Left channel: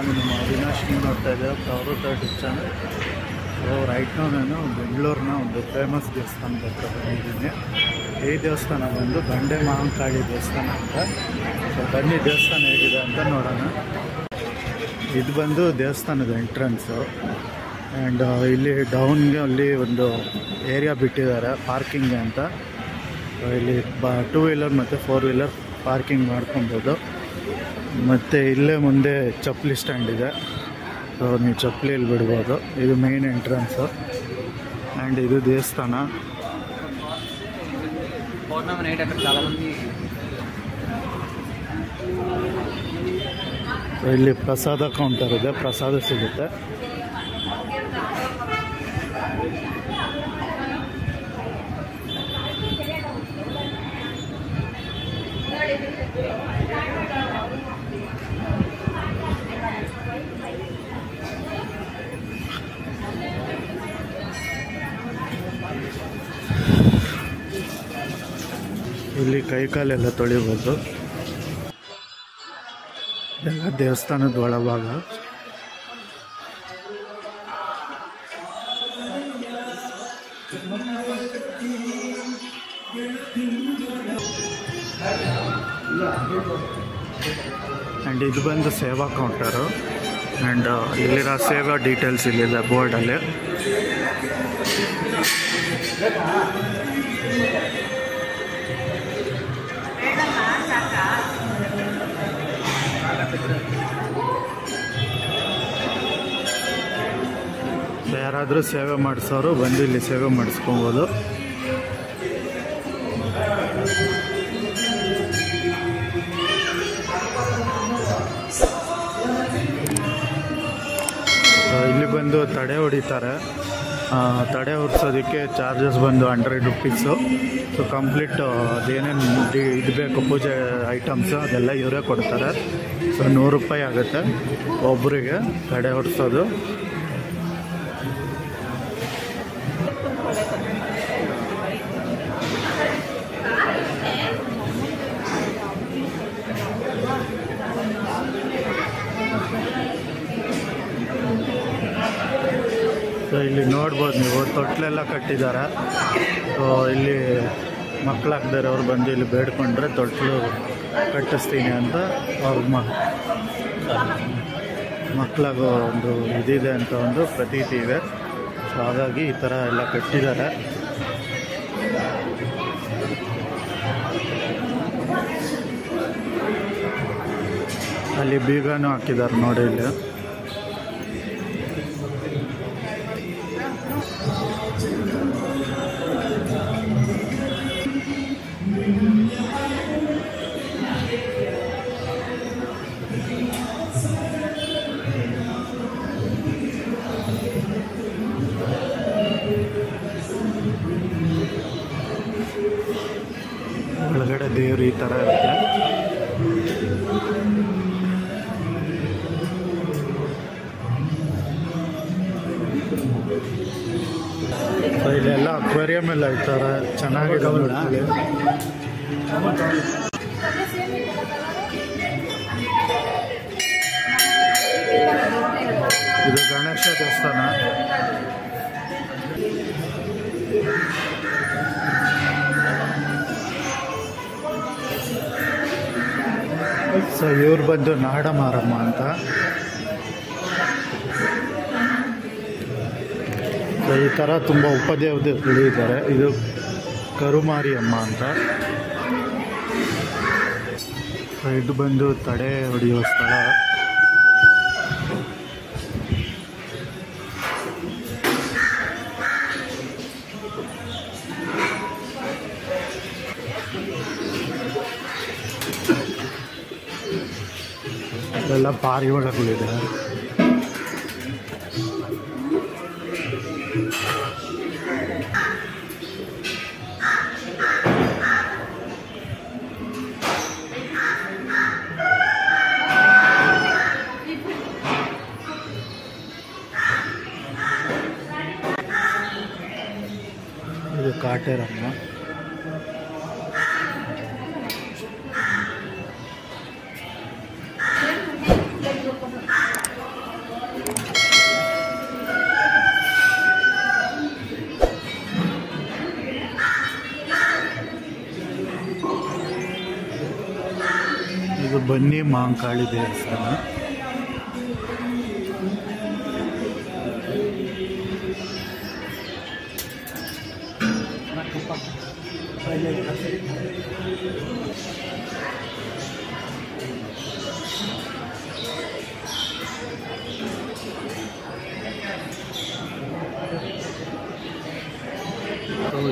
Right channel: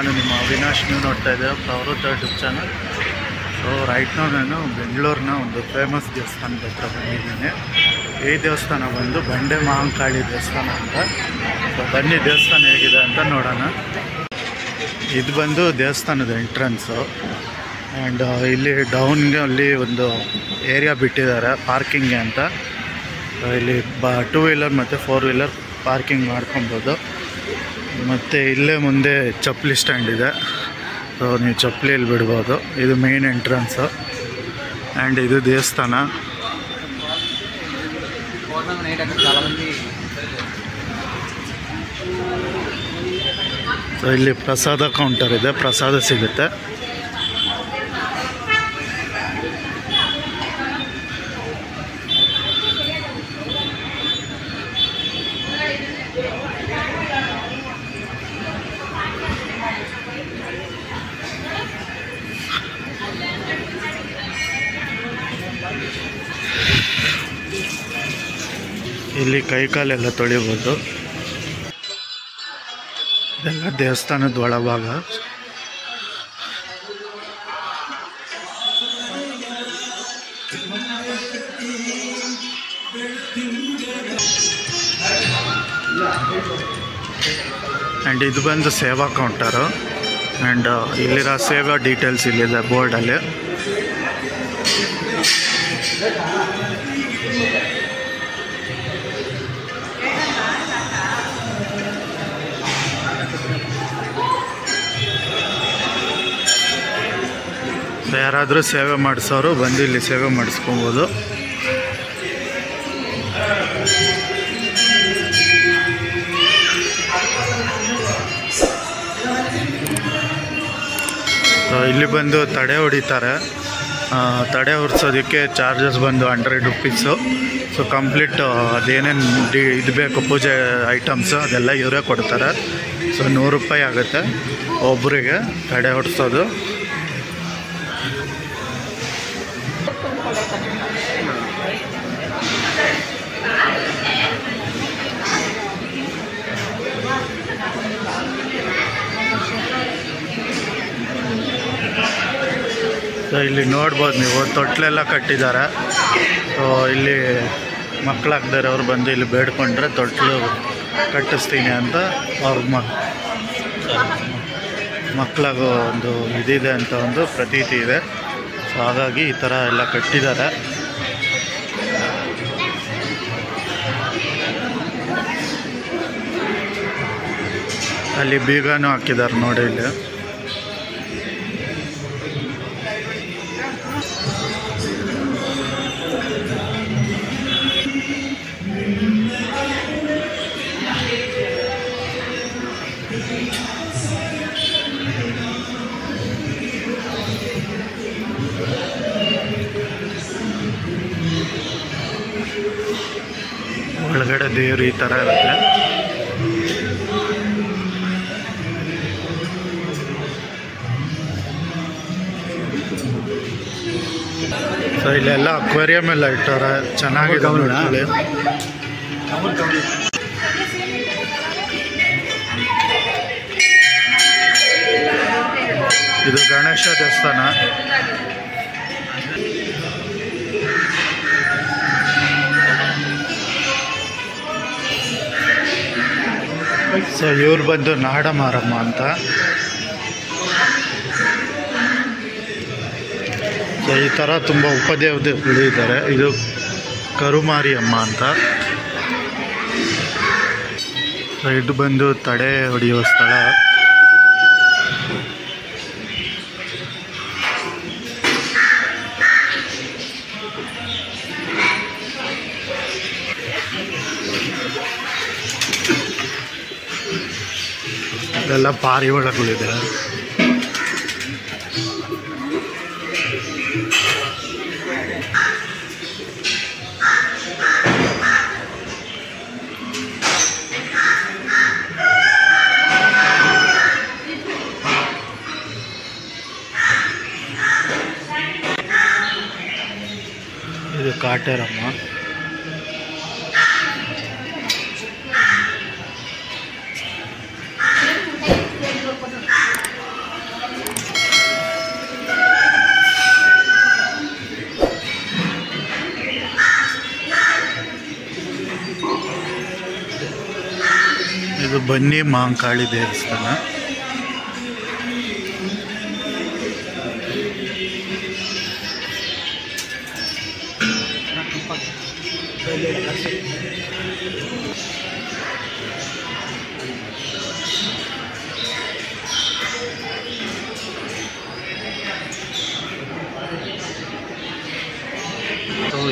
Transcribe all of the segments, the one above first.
ನಾನು ನಿಮ್ಮ ಅವಿನಾಶ್. ನೀವು ನೋಡ್ತಾ ಇದ್ದೆ ಪ್ರವೃತ್ತ ಯೂಟ್ಯೂಬ್ ಚಾನಲ್. ಸೊ ರೈಟ್ ನಾನು ಬೆಂಗಳೂರಿನ ಒಂದು ಫೇಮಸ್ ದೇವಸ್ಥಾನದ ಹತ್ರ ಬಂದಿದ್ದೀನಿ. ಈ ದೇವಸ್ಥಾನ ಬಂದು ಬಂಡೆ ಮಹಾಂಕಾಳಿ ದೇವಸ್ಥಾನ ಅಂತ. ಸೊ ಬನ್ನಿ ದೇವಸ್ಥಾನ ಹೇಗಿದೆ ಅಂತ ನೋಡೋಣ. ಇದು ಬಂದು ದೇವಸ್ಥಾನದ ಎಂಟ್ರೆನ್ಸು. ಆ್ಯಂಡ್ ಇಲ್ಲಿ ಡೌನ್ಗೆ ಅಲ್ಲಿ ಒಂದು ಏರಿಯಾ ಬಿಟ್ಟಿದ್ದಾರೆ ಪಾರ್ಕಿಂಗ್ಗೆ ಅಂತ. ಇಲ್ಲಿ 2 ವೀಲರ್ ಮತ್ತು 4 ವೀಲರ್ ಪಾರ್ಕಿಂಗ್ ಮಾಡ್ಕೊಬೋದು. ಮತ್ತು ಇಲ್ಲೇ ಮುಂದೆ ಚಪ್ಪಲಿ ಸ್ಟ್ಯಾಂಡ್ ಇದೆ. ಸೊ ನೀವು ಚಪ್ಪಲಿ ಇಲ್ಲಿ ಬಿಡ್ಬೋದು. ಇದು ಮೇನ್ ಎಂಟ್ರೆನ್ಸು. ಆ್ಯಂಡ್ ಇದು ದೇವಸ್ಥಾನ. ಸೊ ಇಲ್ಲಿ ಪ್ರಸಾದ ಕೌಂಟರ್ ಇದೆ, ಪ್ರಸಾದ ಸಿಗುತ್ತೆ. ಇಲ್ಲಿ ಕೈಕಾಲೆಲ್ಲ ತೊಳಿಬೋದು. ಇದೆಲ್ಲ ದೇವಸ್ಥಾನದ ಒಳಭಾಗ. ಆ್ಯಂಡ್ ಇದು ಬಂದು ಸೇವಾ ಕೌಂಟರು. ಆ್ಯಂಡ್ ಇಲ್ಲಿರೋ ಸೇವಾ ಡೀಟೇಲ್ಸ್ ಇಲ್ಲಿದೆ ಬೋರ್ಡಲ್ಲಿ. ಯಾರಾದರೂ ಸೇವೆ ಮಾಡಿಸೋರು ಬಂದು ಇಲ್ಲಿ ಸೇವೆ ಮಾಡಿಸ್ಕೊಬೋದು. ಇಲ್ಲಿ ಬಂದು ತಡೆ ಹೊಡಿತಾರೆ. ತಡೆ ಹೊರಿಸೋದಕ್ಕೆ ಚಾರ್ಜಸ್ ಬಂದು 100 ರುಪೀಸು. ಸೊ ಕಂಪ್ಲೀಟ್ ಅದೇನೇನು ಇದು ಬೇಕು ಪೂಜೆ ಐಟಮ್ಸು ಅದೆಲ್ಲ ಇವರೇ ಕೊಡ್ತಾರೆ. ಸೊ 100 ರೂಪಾಯಿ ಆಗುತ್ತೆ ಒಬ್ಬರಿಗೆ ತಡೆ ಹೊಡಿಸೋದು. ಸೊ ಇಲ್ಲಿ ನೋಡ್ಬೋದು ನೀವು ತೊಟ್ಲೆಲ್ಲ ಕಟ್ಟಿದ್ದಾರೆ. ಸೊ ಇಲ್ಲಿ ಮಕ್ಕಳಾಗ್ದಾರೆ ಅವ್ರು ಬಂದು ಇಲ್ಲಿ ಬೇಡ್ಕೊಂಡ್ರೆ ತೊಟ್ಲು ಕಟ್ಟಿಸ್ತೀನಿ ಅಂತ ಅವ್ರ ಮಕ್ಕಳಾಗೋ ಒಂದು ಇದಿದೆ ಅಂತ ಒಂದು ಪ್ರತೀತಿ ಇದೆ. ಸೊ ಹಾಗಾಗಿ ಈ ಥರ ಎಲ್ಲ ಕಟ್ಟಿದ್ದಾರೆ. ಅಲ್ಲಿ ಬೀಗನೂ ಹಾಕಿದ್ದಾರೆ ನೋಡಿ ಇಲ್ಲಿ. ಒಳಗಡೆ ದೇವರು ಈ ಥರ ಇರುತ್ತೆ. ಸೊ ಇಲ್ಲೆಲ್ಲ ಅಕ್ವೇರಿಯಂ ಎಲ್ಲ ಇಟ್ಟಾರೆ, ಚೆನ್ನಾಗಿದೆ ನೋಡ್ಕೊಳ್ಳಿ. ಇದು ಗಣೇಶ ದೇವಸ್ಥಾನ. ಸೊ ಇವ್ರು ಬಂದು ನಾಡಮಾರಮ್ಮ ಅಂತ. ಸೊ ಈ ಥರ ತುಂಬ ಉಪದೇವತೆಗಳು ಇದ್ದಾರೆ. ಇದು ಕರುಮಾರಿಯಮ್ಮ ಅಂತ. ಸೊ ಇದು ಬಂದು ತಡೆ ಹೊಡೆಯುವ ಸ್ಥಳ. ಇದೆಲ್ಲ ಪಾರಿವಾಳಗಳಿದೆ. ಇದು ಕಾಟೇರಮ್ಮ. ಇದು ಬನ್ನಿ ಮಹಾಂಕಾಳಿ ದೇವಸ್ಥಾನ.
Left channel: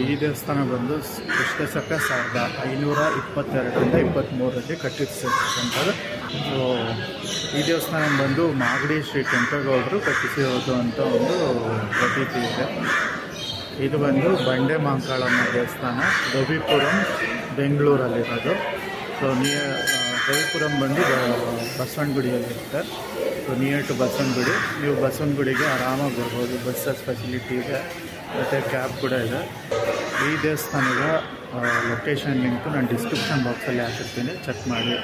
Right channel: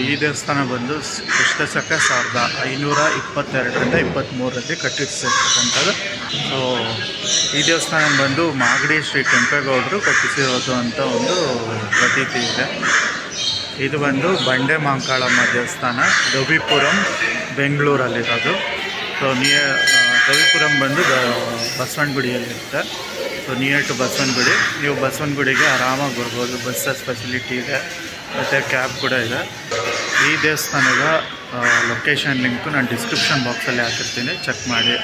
ಈ ದೇವಸ್ಥಾನ ಬಂದು ಕ್ರಿಸ್ತಶಕ 1522ರಿಂದ 23ರಲ್ಲಿ ಕಟ್ಟಿಸಿರ್ತಕ್ಕಂಥದ್ದು. ಸೊ ಈ ದೇವಸ್ಥಾನ ಬಂದು ಮಾಗಡಿ ಶ್ರೀ ಕೆಂಪೇಗೌಡರು ಕಟ್ಟಿಸಿರೋದು ಅಂತ ಒಂದು ಪ್ರತೀತಿ ಇದೆ. ಇದು ಬಂದು ಬಂಡೆ ಮಹಾಂಕಾಳಮ್ಮ ದೇವಸ್ಥಾನ, ರವಿಪುರಂ, ಬೆಂಗಳೂರಲ್ಲಿರೋದು. ಸೊ ರವಿಪುರಂ ಬಂದು ಬಸವನಗುಡಿಯಲ್ಲಿರುತ್ತೆ. So near to Basavanagudi. ನೀವು ಬಸವನಗುಡಿಗೆ ಆರಾಮಾಗಿ ಬರ್ಬೋದು. ಬಸ್ಸಸ್ ಫೆಸಿಲಿಟಿ ಇದೆ ಮತ್ತು ಕ್ಯಾಬ್ ಕೂಡ ಇದೆ. ಈ ದೇವಸ್ಥಾನದ ಲೊಕೇಶನ್ ಲಿಂಕು ನಾನು ಡಿಸ್ಕ್ರಿಪ್ಷನ್ ಬಾಕ್ಸಲ್ಲಿ ಹಾಕಿರ್ತೀನಿ, ಚೆಕ್ ಮಾಡಿ.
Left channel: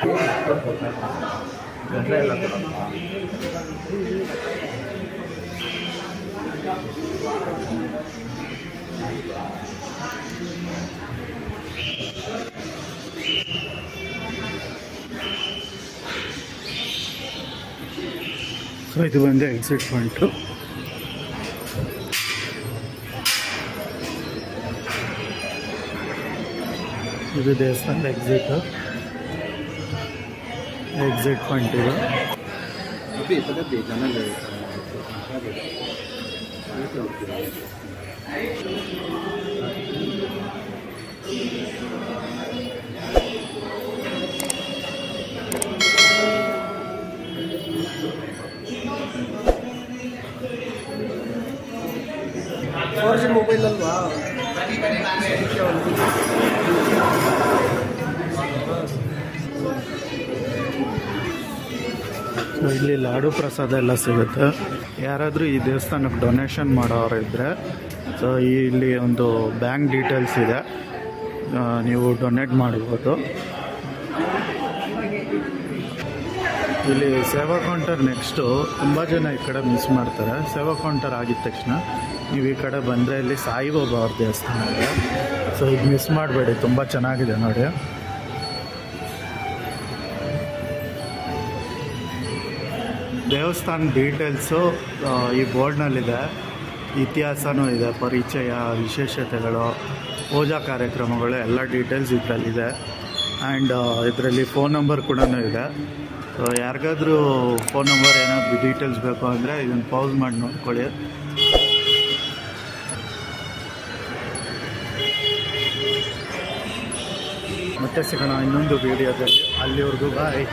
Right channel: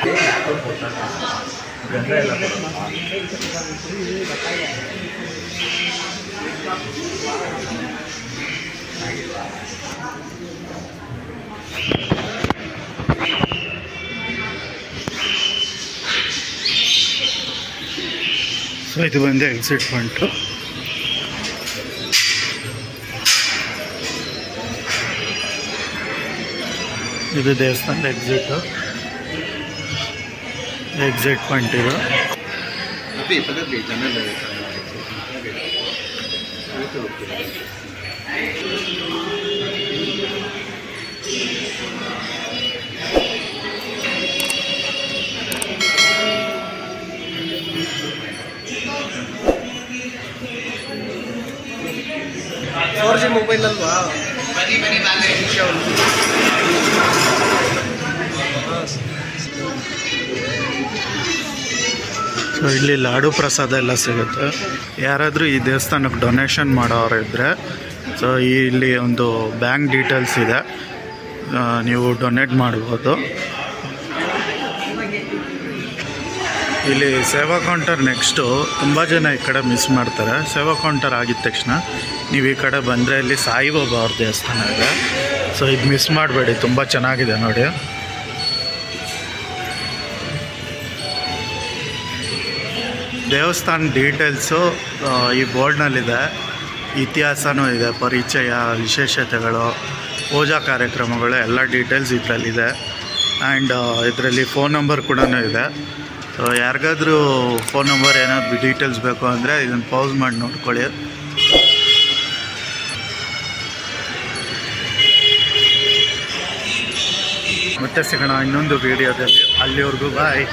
ಸೊ ಇದು ಬಂದು ಎಕ್ಸಿಟ್ ಪಾಯಿಂಟು. ಇದು ದೇವಸ್ಥಾನದ ಎಕ್ಸಿಟ್ ಪಾಯಿಂಟ್ ಇದು. ಮೊಬೈಲ್ ಅಲ್ವಾ? ಸೊ ಇಲ್ಲಿ ಲಾಡು ಪ್ರಸಾದ ಎಲ್ಲ ಸಿಗುತ್ತೆ. ಯಾರಾದರೂ ಈ ದೇವಸ್ಥಾನಕ್ಕೆ ಡೊನೇಷನ್ ಮಾಡೋರು ಇದ್ದರೆ ಸೊ ಇಲ್ಲಿ ಒಂದು ಬ್ಯಾಂಕ್ ಡೀಟೇಲ್ಸ್ ಇದೆ, ನೀವು ಡೊನೇಟ್ ಮಾಡ್ಬೋದು. ಇಲ್ಲಿ ಸೇವಾ ಕೌಂಟರ್ ನೆಕ್ಸ್ಟು ತುಂಬ ಜನ ಈ ಕಡೆ ಮಿಸ್ ಮಾಡ್ತಾರೆ. ಸೇವಾ ಕೌಂಟರ್ ಆಗಿದ ತಕ್ಷಣ ನೀವು ಈ ಕಡೆ ಬಂದರೆ ಇಲ್ಲಿ ಸಾಯಿಬಾಬಾ ಅವ್ರ ದೇವಸ್ಥಾನ ಇದೆ. ಸೊ ಇದು ಮಿಸ್ ಮಾಡಬೇಡಿ, ತುಂಬ ಚೆನ್ನಾಗಿದೆ ನೋಡಿ. ದೇವಸ್ಥಾನ ಡೀಟೇಲ್ಸು ಈ ಬೋರ್ಡ್ನಲ್ಲಿದೆ, ಇತಿಹಾಸನೂ ಇದೆ, ಪರಿಚಯ, ವಿಶೇಷತೆಗಳು, ಪೂಜಾ ಕಾರ್ಯಕ್ರಮಗಳು ಎಲ್ಲ ಡೀಟೇಲ್ಸ್ ಇದರಲ್ಲಿದೆ. ಆ್ಯಂಡ್ ಇದರಲ್ಲಿ ಫೋನ್ ನಂಬರ್ ಕೂಡ ಇದೆ. ಸೊ ಯಾರಿಗಾದ್ರೂ ಫೋನ್ ನಂಬರ್ ಏನಾದ್ರು ಡೀಟೇಲ್ಸ್ ಬೇಕು ಅಂದರೆ ಇದನ್ನು ಪೌಸ್ ಮಾಡಿ ನೋಡ್ಕೊಳ್ಳಿ. ಮತ್ತೆ ಸಿಗೋಣ ಇನ್ನೊಂದು ವೀಡಿಯೋದಲ್ಲಿ. ಅಲ್ಲಿವರೆಗೂ ಬಾಯ್.